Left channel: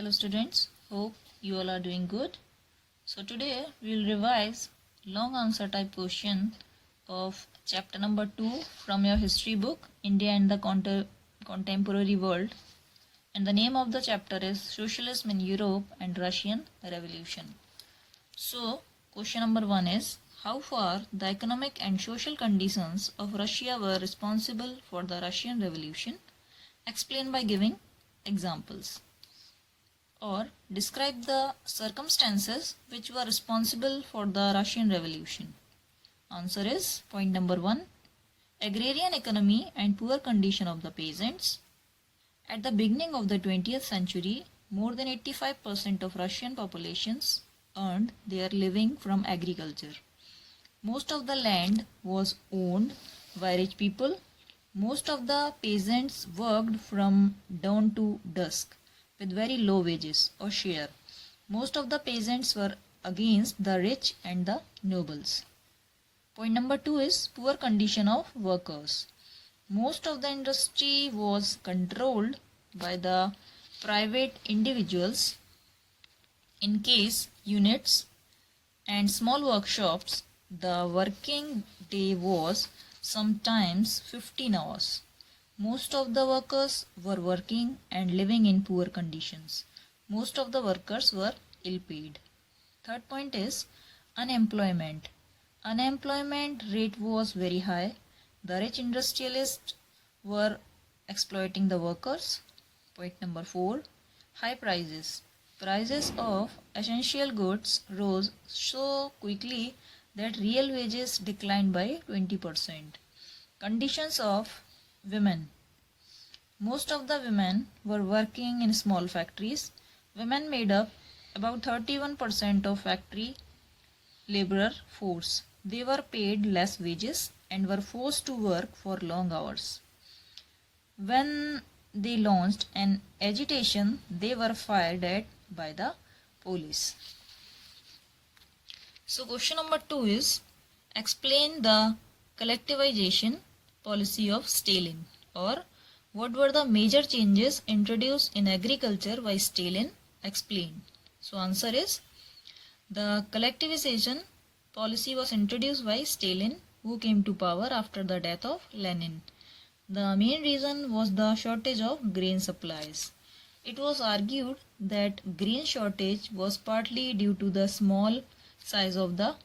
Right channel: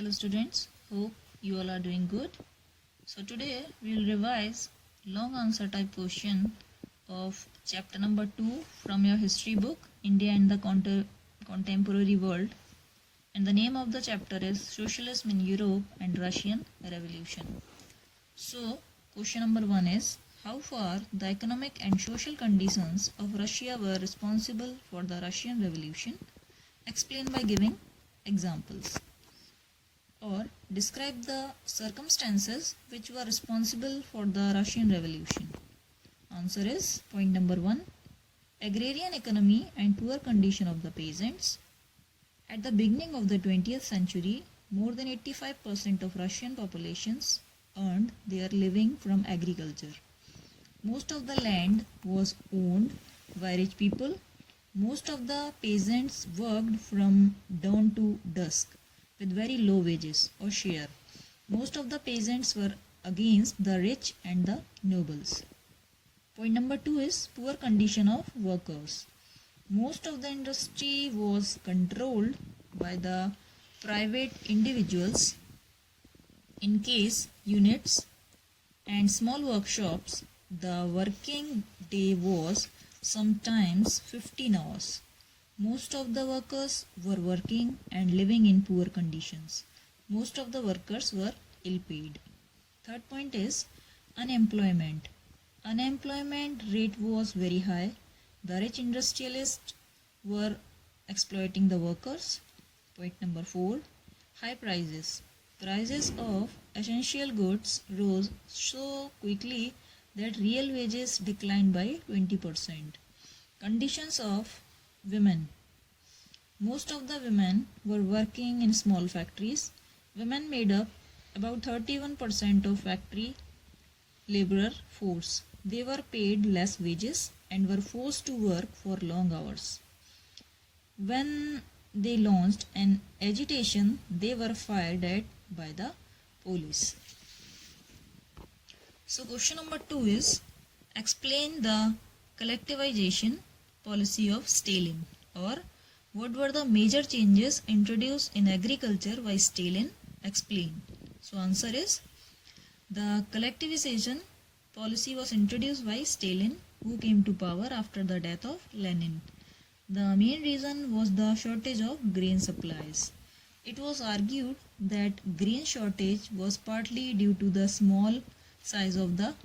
Hello students, hope you all are doing good. So today we will revise long answer type question of chapter number 2 from your history book, India and the Contemporary World. And the name of the chapter is Socialism in Europe and Russian Revolution. So question number 1 is, how far the economic and social conditions of Russia were responsible for the Russian Revolution? Explain by giving examples. Or describe the circumstances which were responsible for the Russian Revolution. Answer is point number 1, agrarian economy and poor condition of the peasants. At the beginning of the 20th century, more than 85% of Russian populations earned their living from agriculture. Most of the land was owned by rich people. Most of the peasants worked from dawn to dusk with very low wages or share. Most of the peasants were against the rich and the nobles. Point number 2 is poor condition of workers. Most of the industry was controlled by the private individuals. In case units and small workshops, the working day was sometimes 15 hours. Most of the workers were working and living in poor conditions. Most of the workers were ill-paid. Third point is unemployment. Unemployment rate was very high. The rich industrialists were exploiting the workers. Point number 4, high prices. Prices of essential goods rose so quickly that real wages declined by 20%. Conditions of women. Most of the women were working in small factories. Women made up about 31% of factory laborer force. They were paid less wages and were forced to work for long hours. When they launched an agitation, they were fired at by the police. So question number 2 is, explain the collectivization policy of Stalin, or what were the major changes introduced in agriculture by Stalin? Explain. So answer is, the collectivization policy was introduced by Stalin, who came to power after the death of Lenin. The main reason was the shortage of grain supplies. It was argued that grain shortage was partly due to the small size of the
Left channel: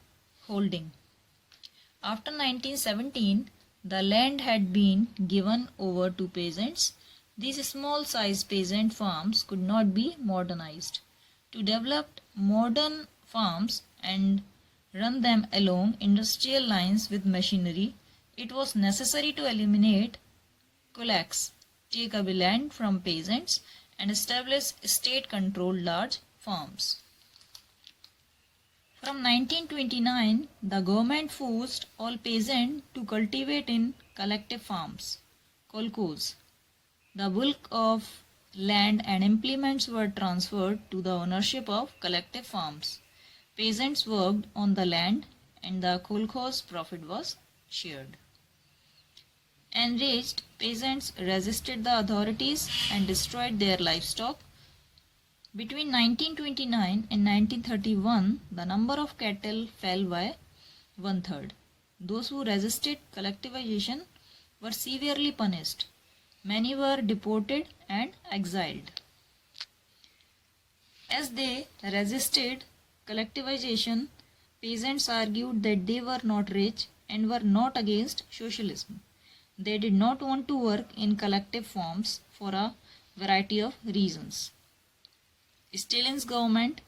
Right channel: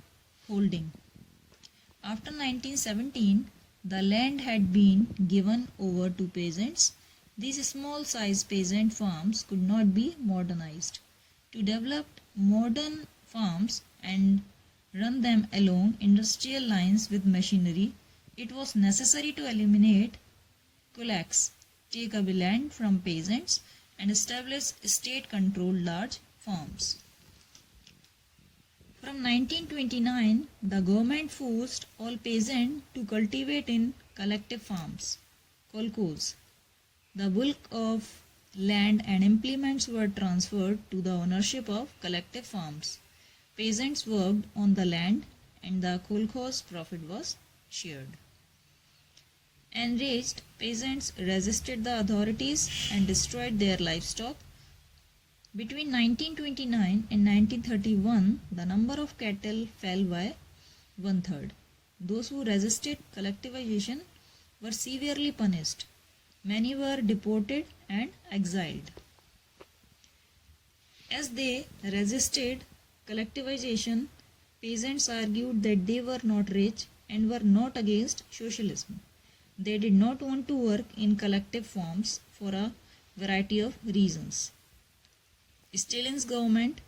holding. After 1917, the land had been given over to peasants. These small-sized peasant farms could not be modernized. To develop modern farms and run them along industrial lines with machinery, it was necessary to eliminate kulaks, take away land from peasants, and establish state-controlled large farms. From 1929, the government forced all peasants to cultivate in collective farms, kolkhos. The bulk of land and implements were transferred to the ownership of collective farms. Peasants worked on the land and the kolkhoz profit was shared. Enraged peasants resisted the authorities and destroyed their livestock. Between 1929 and 1931, the number of cattle fell by 1/3. Those who resisted collectivization were severely punished. Many were deported and exiled. As they resisted collectivization, peasants argued that they were not rich and were not against socialism. They did not want to work in collective farms for a variety of reasons. Stalin's government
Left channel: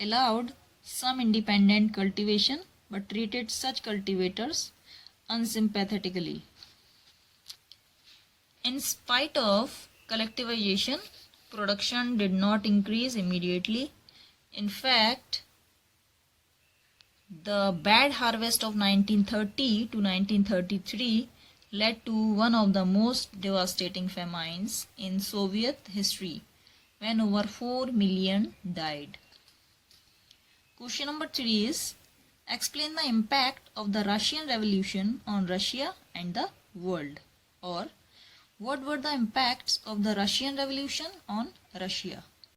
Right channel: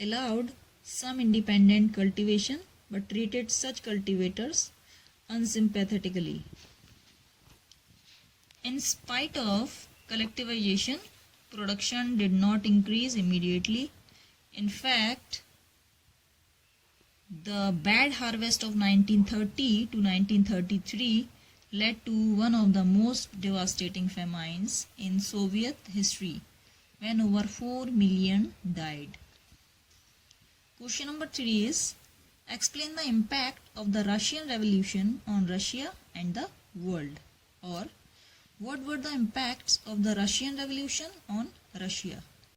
allowed some independent cultivation but treated such cultivators unsympathetically. In spite of collectivization, production did not increase immediately. In fact, the bad harvest of 1930 to 1933 led to one of the most devastating famines in Soviet history, when over 4 million died. Question number 3 is, explain the impact of the Russian Revolution on Russia and the world, or what were the impacts of the Russian Revolution on Russia?